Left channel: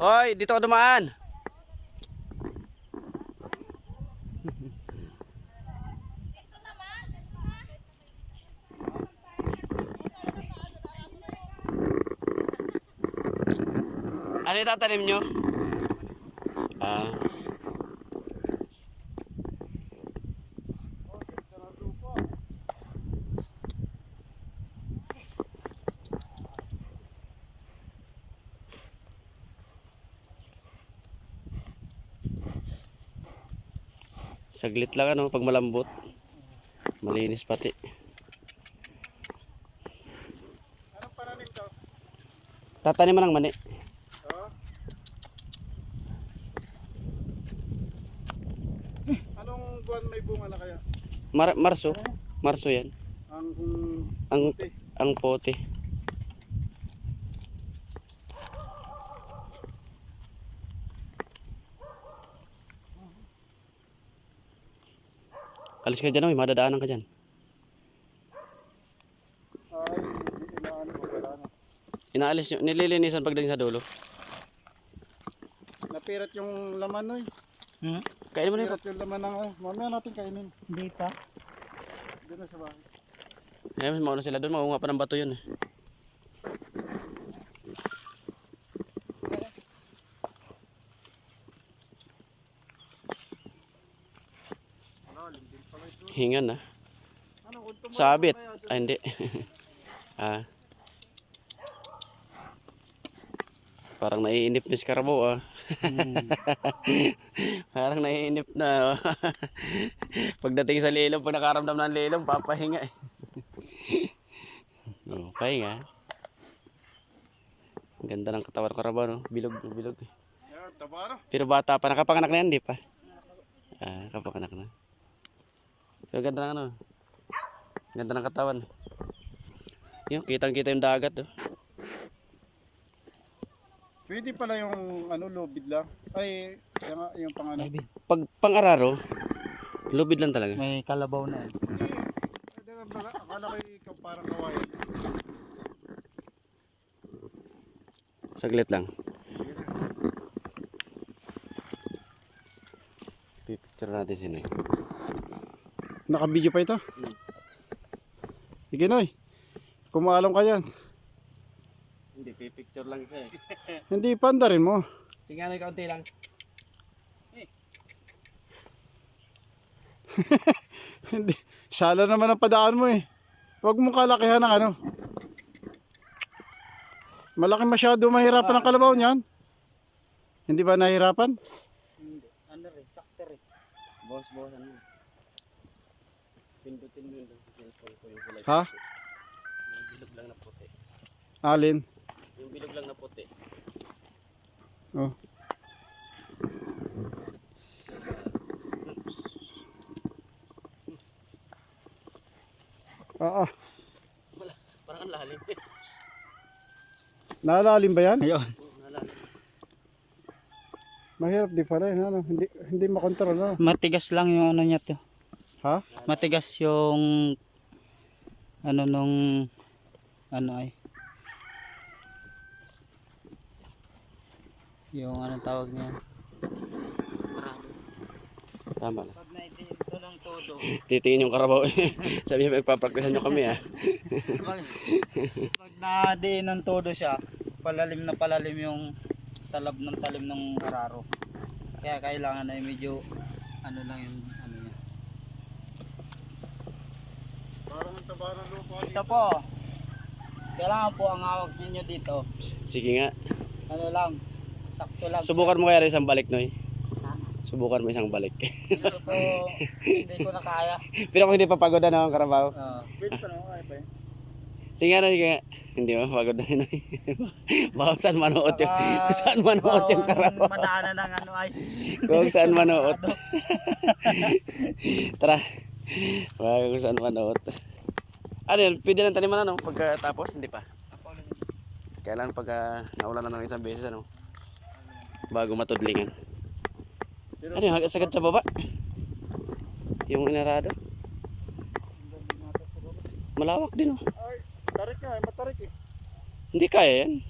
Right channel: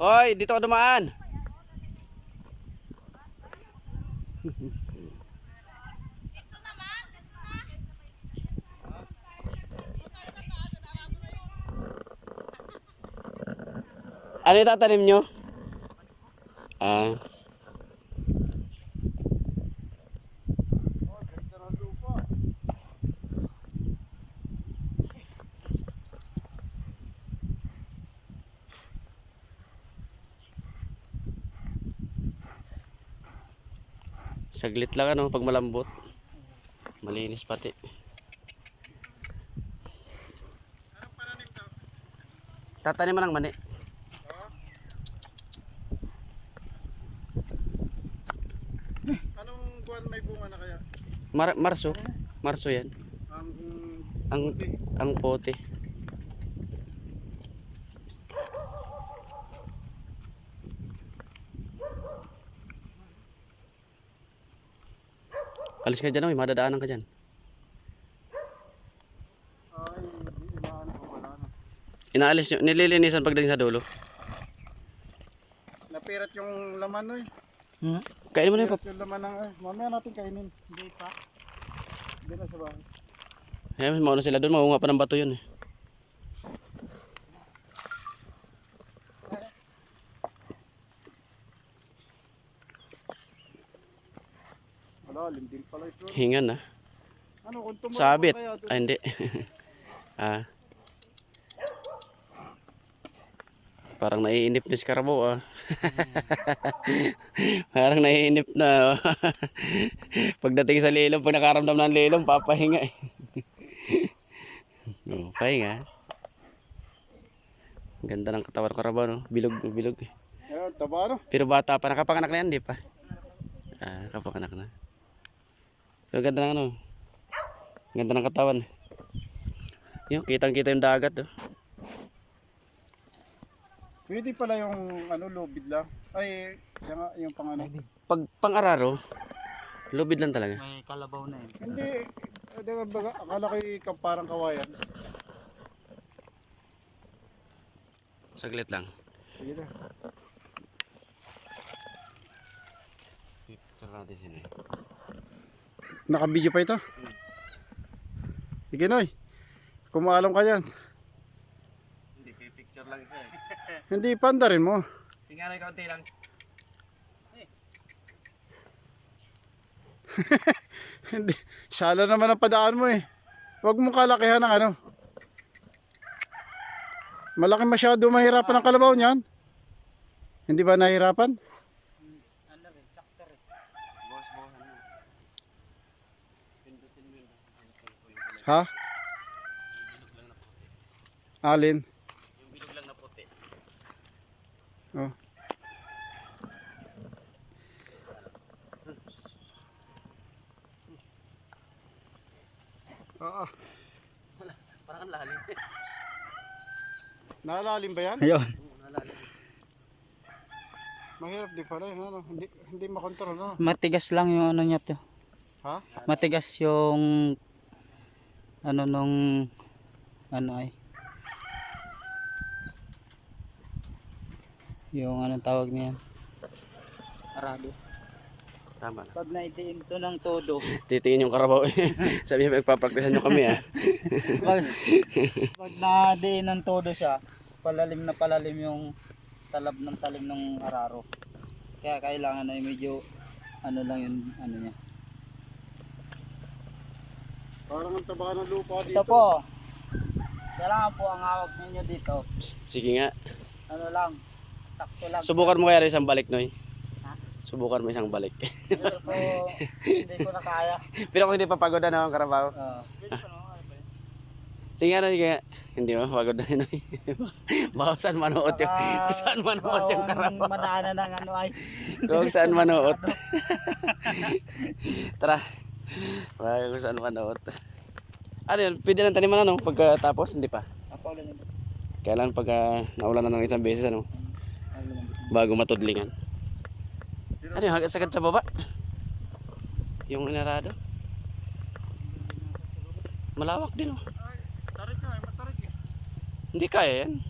Hoy, dito ka dumaan. Ano yung tatanim nyo? Ah. Saglit lang ano, pag malambot. Malinis pati. Anong pananim daw? Tatanim mo ng mani. Anong buwan may bunga na kaya? Marso. Marso yan. Ang Ang pote. Alis ka dyan, may madadaanan ka dyan. ay inaano ko wala na. Inaalis nyo, nililinisan pagdating sa dulo. Napirat yung laman no eh. Kainin mo na yung Napirat yung laman ng mamaya natin kainin. Hindi pa. Hindi na sa bahay. Ayan, mauna sila doon, maunga pa ng bato yun eh. Wala, lintil pala ito. Hingan na. Ano kung tumulong Sabit. kaya doon? Ay, hindi. Ah. Parang naiinip na si Carabo ah. Parang naiinip na. Pagdating sa lilom, pag nakaramdam ng lilom, papahinga eh. Oh, pahinga. Ang ganda ng katawan ko Carabo, no? Bilog, bilog eh. Ayun, taba no? Pero bata pa, nakapanganak na yan, di pa? Ah, nakapanganak na. Pero ganda ng ano. Ganda ng katawan. Yung kitang-kita yung dagat, oh. Pwede pala yung ano lubid lang. Ay, yung pang ano. Pag pang-araro, lubid lang talaga. May kalabaw na. Hindi. Akala ko yung parang kawayan. Saglit lang. Sige na. Pipicture natin sino eh. Naka-video pa ito? Sige Noy. Kumaalong ka yan. Hindi, pipicture lang siya eh. Hindi, panda rin mo. Sige na, kaunti lang. Hindi. Shala naman ang padaan mo eh. Huwag mong kalakihan ng ano. Malaki masyado, mahirapan ang kalabaw niyan. Hindi ba nahirapan? Ano rin, sakto rin. Boss, ano. Pindutin mo yun. Ha? Yung bilog lang na puti. Alin? Yung bilog lang na puti. Oh. Oo. Wala, parang ang lalim. Nalalim ba yan? Ayun. Nalalim. Mahirap di pala yun. Ano? Hindi makontrol. No? Matigas lang yung ano niya to. Ha? Matigas yung ano nung ano ay. Yung anong tawag niya? Arado. Tama na. Pag naidiin to ng todo. Titingin yung Carabo eh. Sabi niya, magpapraktisan nyo kami ah. Pag nadiin ng todo siya, palalim na palalim yung talab ng talim ng araro. Kaya kailangan ay medyo ano lang yung ano niya. Parang ang taba ng lupa dito. Ito po. Kailangan po ang hawak ninyo dito. Sige nga. Ano lang, sakto lang. Subukan mo kaya rin isang balik, Noy. Ha? Subukan mo isang balik. Hindi po, hindi ko na kaya. Pero kung hindi papagod na ang Carabo. Wait pa no, ay pa. Sige nga, sige nga. Hindi mo papagod na Noy. Baka saan manood yung, saan manood yung Carabo. Madaanan ng ano ay. Kung saan manood. Tara. Baka kung saan manood. Ano yun, pwede lang taniman ano, pagkatapos, hindi pa. Kailan pagka naulan na ng isang beses ano, bago matudlingan. Ano yung sagad sa baba? Yung inarado. Malawak din oh. Ay, tarik nga, matarik eh. Hindi kaya yan.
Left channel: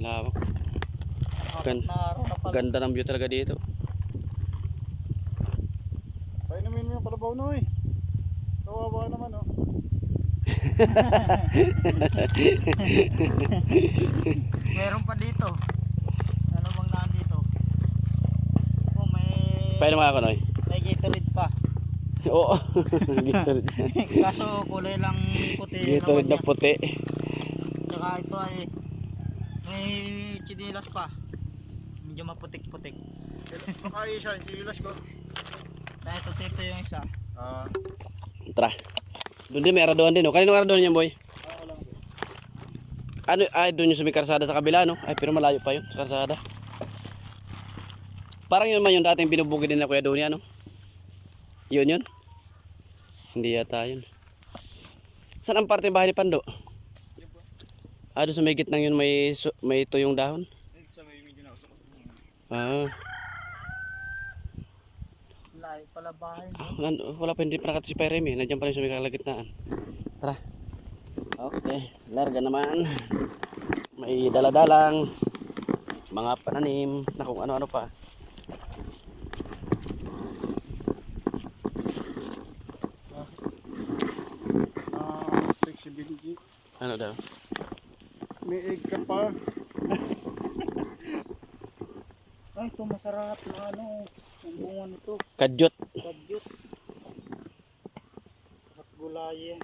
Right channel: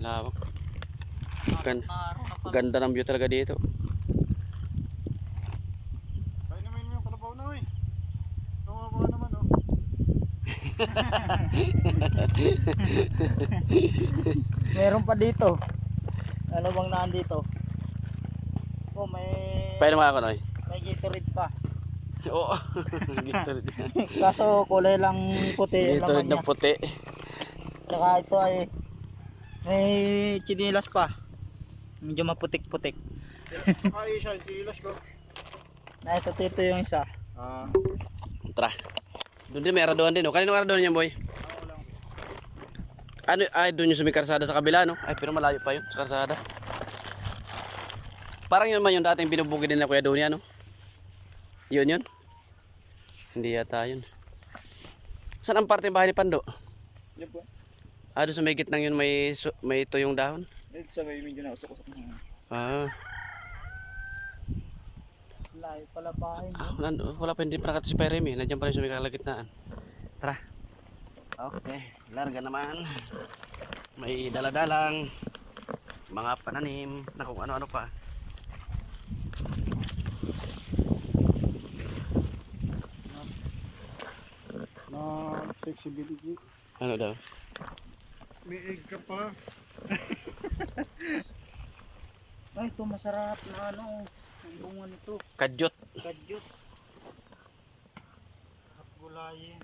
Lawak. Gan Na araw na pala. ganda ng view talaga dito. Painumin mo yung kalabaw na eh. Kawawa naman oh. Meron pa dito. Ano bang nandito? Oh, Pwede mga ako, Noy. may Gatorade pa. Oo. Gatorade. Kaso kulay lang puti yung Gatorade laman na niya. puti. Saka ito ay may chinilas pa. Medyo maputik-putik. Kaya siya, silas ko. Na ito tito yung isa. Ah, Tara. Doon din may araduhan din, oh. Kanino araduhan yan, boy? ako lang. Ano, ay, doon yung sa may karsada sa kabila, no? Ay, pero malayo pa yun, sa karsada. Parang yun man yung dating binubugid nila Kuya Donya, no? Yun yun? Hindi yata yun. Saan ang parte ng bahay ni Pando? Yan po. Ah, doon sa may gitnang yun may tuyong dahon? Ito sa may medyo na usok-usok. Ah, Layo pala bahay mo. wala pa, hindi pa nakata si Peremy. Nandiyan pa rin sa may kalagitnaan. Tara. Okay, larga naman. May daladalang mga pananim na kung ano-ano pa. Flexibility. Ano daw? May egg ka pa. Ay, ito masarap na ano. Ang bunga nito. Kadyot. Kadyot. At gulayin.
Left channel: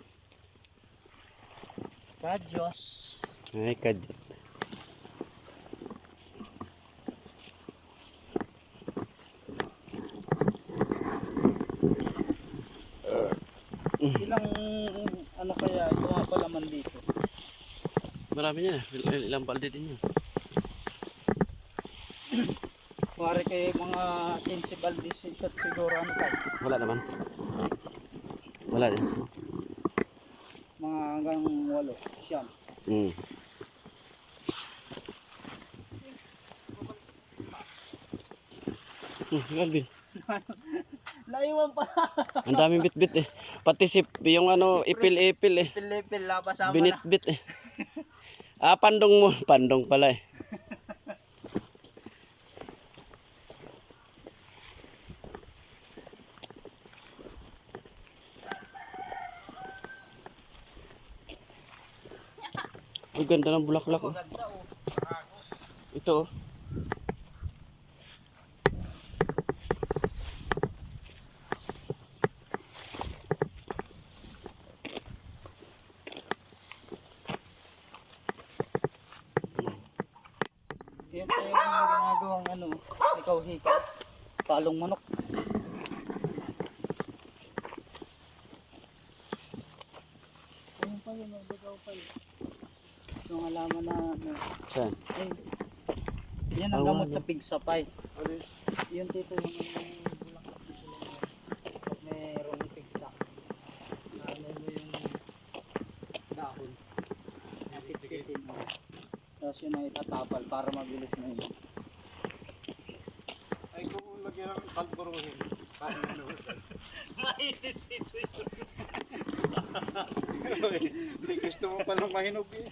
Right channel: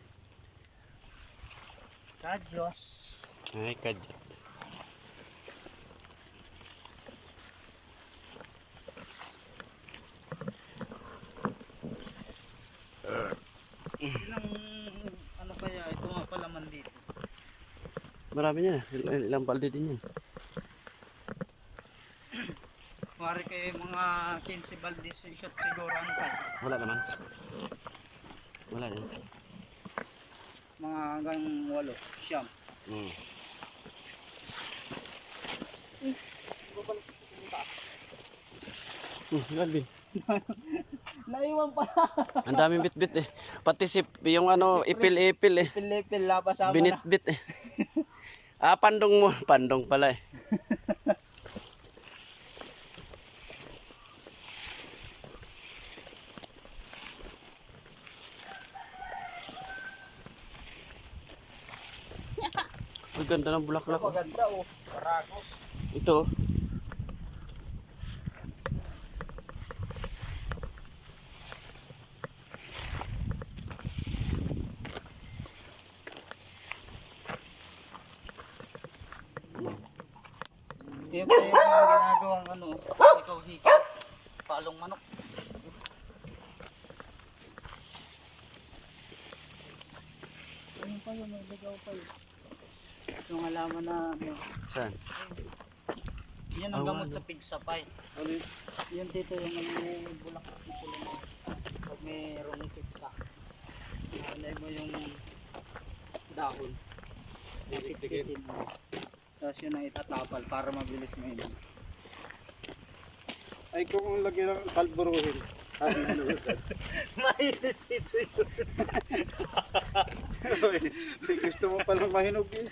Kadyos. Ay, kadyot. Ilang ano kaya ito mga palaman dito? Marami niya. Ilang balde din yun. Kumari kayo mga 15 balde shot siguro ano pa. Wala naman. Wala din. Mga hanggang 8, siyam. Hmm. Galvin. Naiwan pa. Ang daming bit-bit eh. Pati yung ano, ipil-ipil eh. Pilipil la pasama na. Binit-bit eh. Ah, pandong mo. Pandong pala eh. Ang ganda ng bulaklak oh. Maganda oh. Ragos. Ito oh. Yung tayo ng ginagawang ano, hikaw-hikaw. Palong manok. Ayun pa yun, may ligaw pa yun. Yung alaman na ano, Saan? yan ang gamot Awan, sa pigsapay. Yun tito yung bulaklak na sila na pag mayroong pigsa. Nalay mo yung dahon. Napit-pitin mo. Tapos yun ang itatapal para mabilis mo yun. Ay kung lagyan ng kalburuhin. Ay, Mainit ito yun. May gusto mo palang mahinog eh.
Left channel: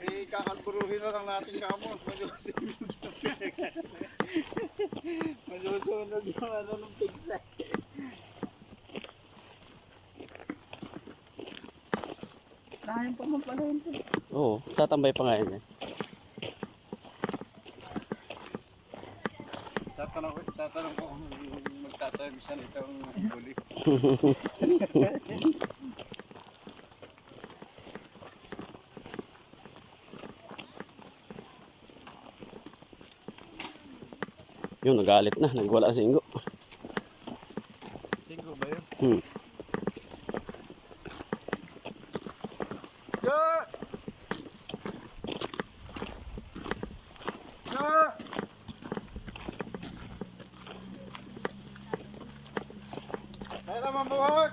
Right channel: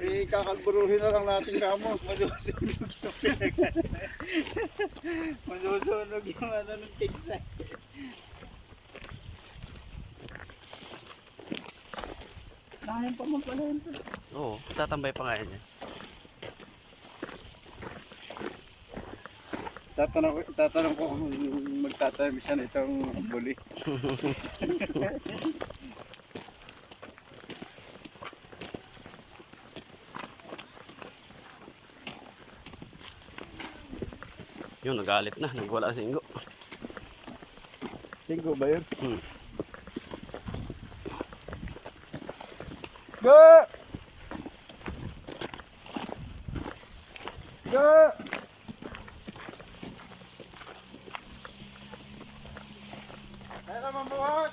Eh, kakalburuhin na lang natin kamo. Masusunog yung pinag- Masusunog yung ano ng pigsa. Kaya pa man pala yun. Oo, tatambay pa nga yan eh. Tatanong ko kung magtatayo siya nitong buli. Yun, nagalit na. Nagwala si Ingo. Singko ba yun? Hmm. Go! Go! Kaya naman buhat!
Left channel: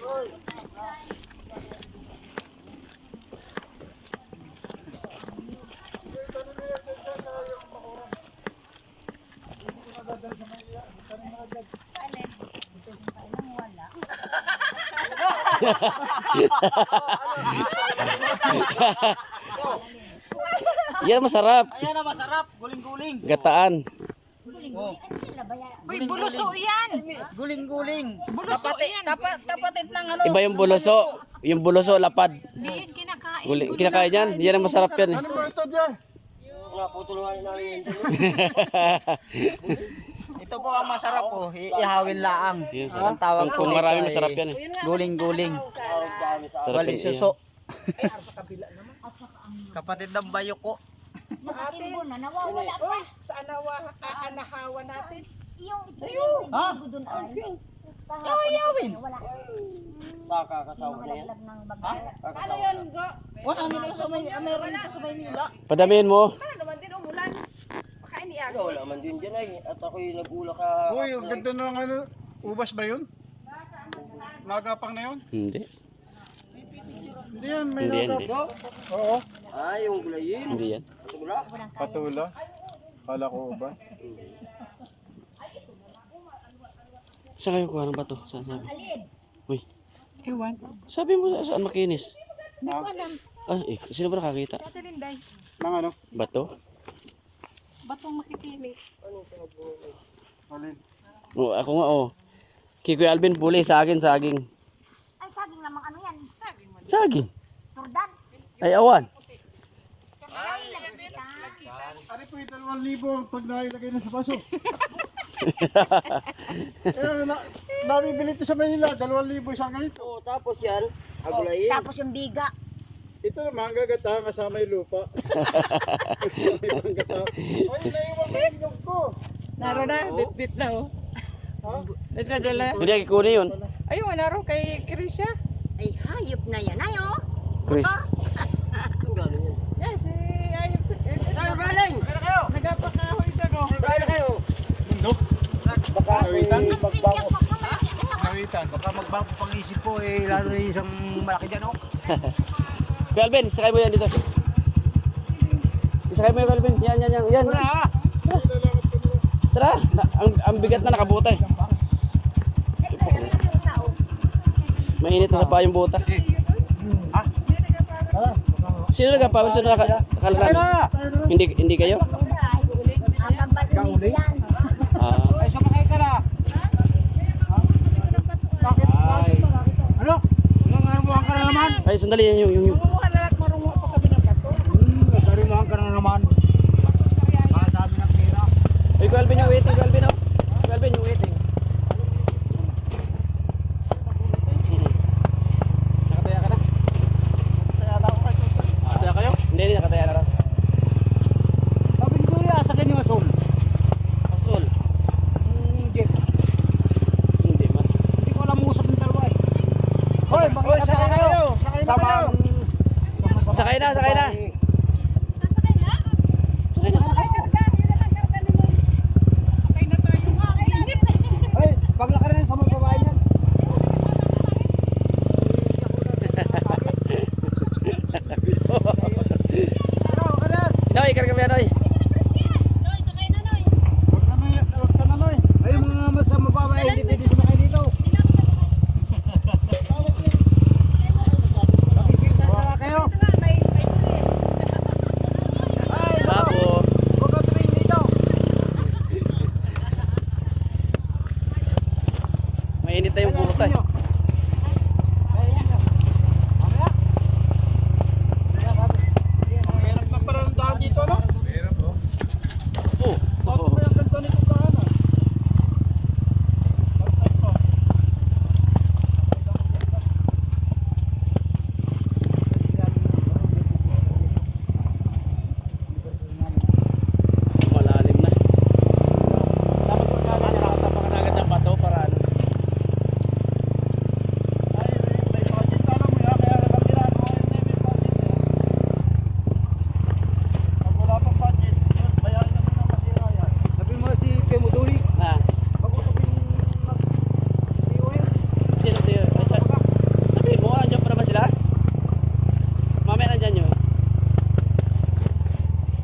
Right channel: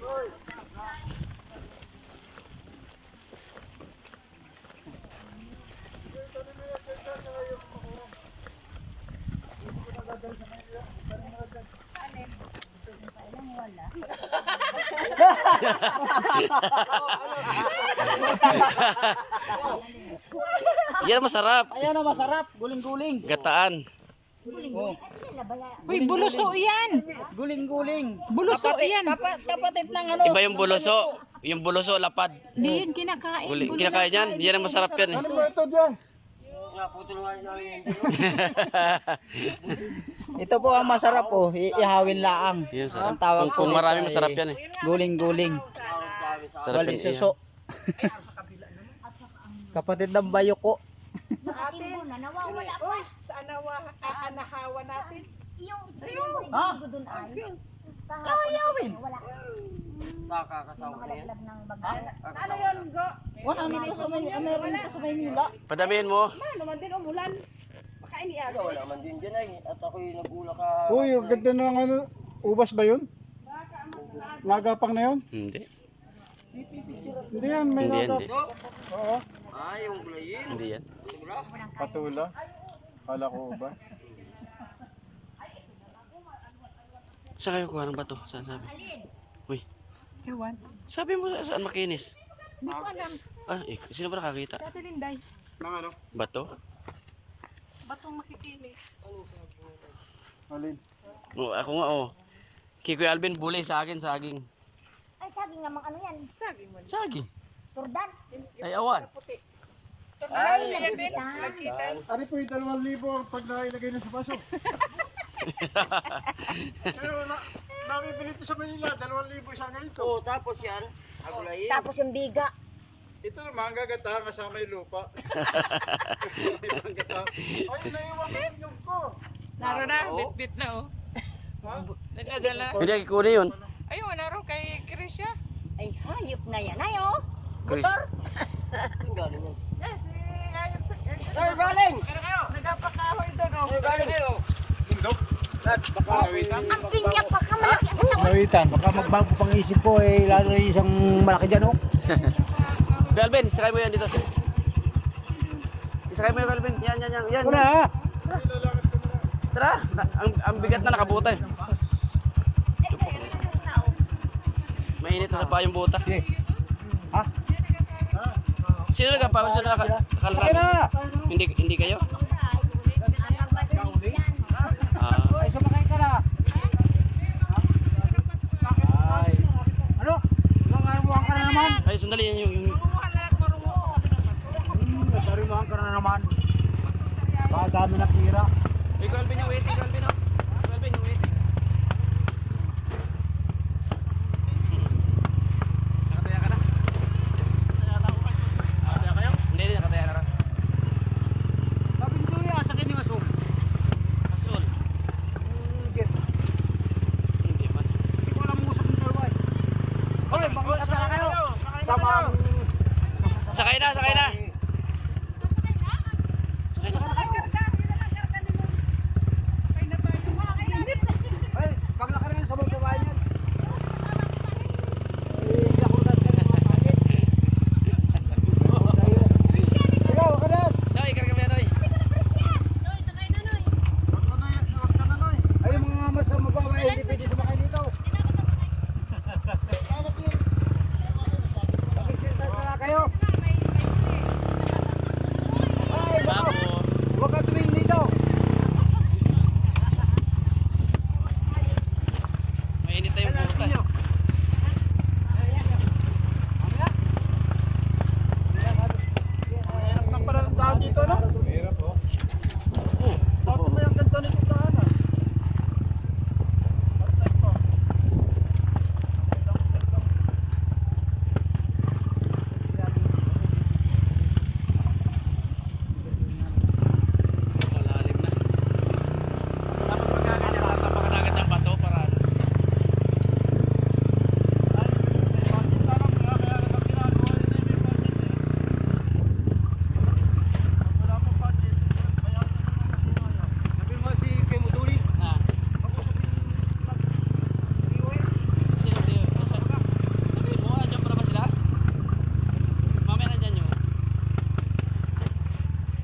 Hoy! Yan masarap. Ayan na masarap, guling-guling. Gataan. Oh. Uy, buluso yan. Guling-guling. Buluso yan. Kapatid ng ano. Iba yung buluso. Yung buluso, lapad. Di yun kinakain. Kinakain yan. Yan ang masarap yan eh. Ano ba ito dyan? Ito po ang masarap po, ihawin laang. Yun, sarap. Ang tawag Kung po marami dito masarap ay yan eh. Guling-guling. Sarap Bali yan. suso. Kapatid ng bayo ko. Nakatimbo na, nawawala pa. Sa anahawa natin. Yung Ha? doon ay. Kayawin. Wala. Yung mga laglag ng bagay. Ano yun, Go? Wala nito sa may meron nito sa Maynila. Padamihin mo. Ano naman din umulan? Baka iniagos. Wala man din dyan ay. At ako'y nag-ula ka. Uy, ang ganda ng ano, ubas ba yun? Nagapang na yun? Hindi. Hindi yan, may Hindi yan. nagap. Hindi, Oo, Ah, yung gulayin. hindi yan. patula. Kala ko ubas. Saan kayo kuha ng bato? Saan sabi? Uy. Ewan. Sabi mo saan makinis? Hindi ko alam. Ah, sino ba nakakita? Sa Tilinday. Mga ano? Bato? Batong makikinis. Alin? Oh, ako nga oh. Kikoy Alvin, buli sa akin, saging. Ay, saging namang ano yan. Saging. Turdan. Ay, awan. Ano po yung 2,000 pag nailagay na sa baso? Pero nabibili ito sa Manila, 2,000 siya ganito. Oo, tapos yan. Agulayin. Tapos yung biga. Ito naman, gagatahan kasama yung lupa. Ay, naiwan ko yung nyug ko. Naro na, bit-bit na oh. Ha? Nadadala. Hindi, kikunin yun. Ayun, naro kay Krisya. Ay, hayop na yan. Ay, oh. Chris. Ang galing yan. Yes, si Ayop. Saan galing? Nagapakahoy doon oh. Saan galing kayo? Bundok. Baka nawitan. Ang pinya pa ka malaki. Nawitan. Baka magbago pang isip ko eh lalo yung isang malaki dyan oh. Kuya Alvin, sakay mo yan dito. Sakay mo yan, Kuya Alvin. Yan. Wala ha. Tara, ang bigat na nakabutay. Mainit na sa pa yung buta. Ha? Sino nagpapawis na Sakay na! Hindi kayo? Ah, Ay, sumakay ka na! Ay! Ano? Nangarumuhan ka na naman? ay sandali yan yung Kumuha na at marungo ko kami ng bato. Nagkarumuhan ka na naman. Dami na tira. Ay, Kuya Alvin yung waiting, Kuya Alvin oh. Kuya Alvin yung waiting. Nakataya ka na? Nakataya kayo? Hindi, nakataya ka na. Sabi ko rin, asakin yung asul. Asul. Jeff, Hindi man. hindi ko alam usap ng dalawa eh. Hoy, bakit ka kayo? Sama ang... Sakay na, sakay na. Sakay na. Sakay na tayo nga. Ang init. Ay, paglaki rin sa mga babae yan. Hindi ako natin makakakit. Ikaw, kanas! Noy, karga mo yan, Noy. Huwag ka na, Noy. Ay, yung mga mas mababae, hindi pwede sumakay dito. Pakisirsan ka na kayo. Ay, Bako. huwag ka tumingin dito. Mainit na yung buta. Mahirap na pala ng daan dito, no? Mahirap, oh. Oh. Bakit ba yung ganda nito daan, ah? Bakit po? Malalim na. Dapat pagkain niya, tatapakan agad ng bato para ano. Ay, may budget na lang mo yan, kaya naman ginagawa yun na may budget eh. Pag wala pang budget, kaya yun naman masira yan. Sabi mo si Kemuduli, Ha? mag-usapin mag-iwi. Sino tayo? Ay, sabihin mo, andyan pa naman sila? Mamaya nandyan yun.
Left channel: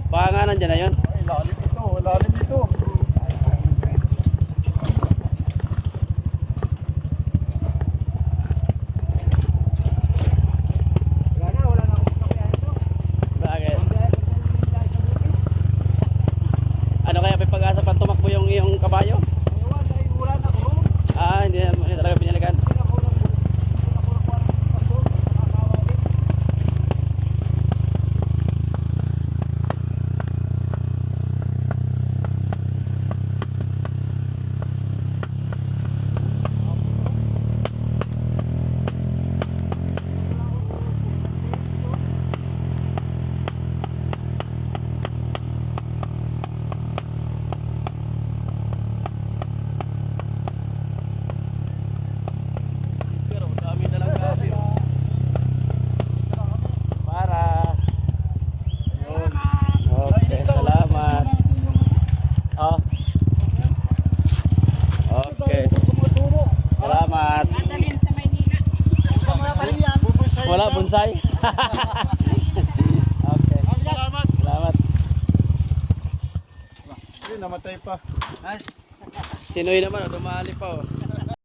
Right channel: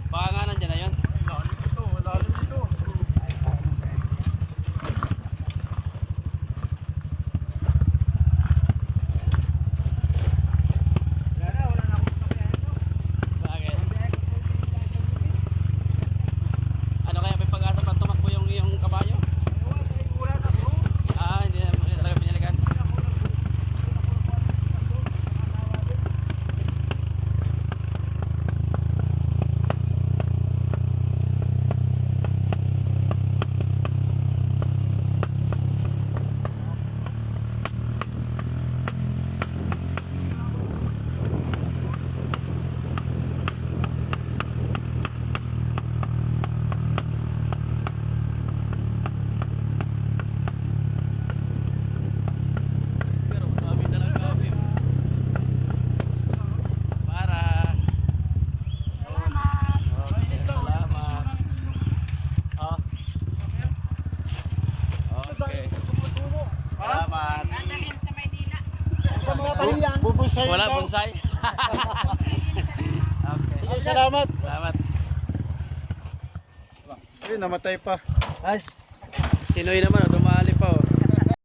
Baka nga nandyan na yun. Ay, lalim ito, lalim ito. Wala, bonsai. Okay. Salamat. Salamat. Namatay pa. As Sinoy naman, dumali pa oh.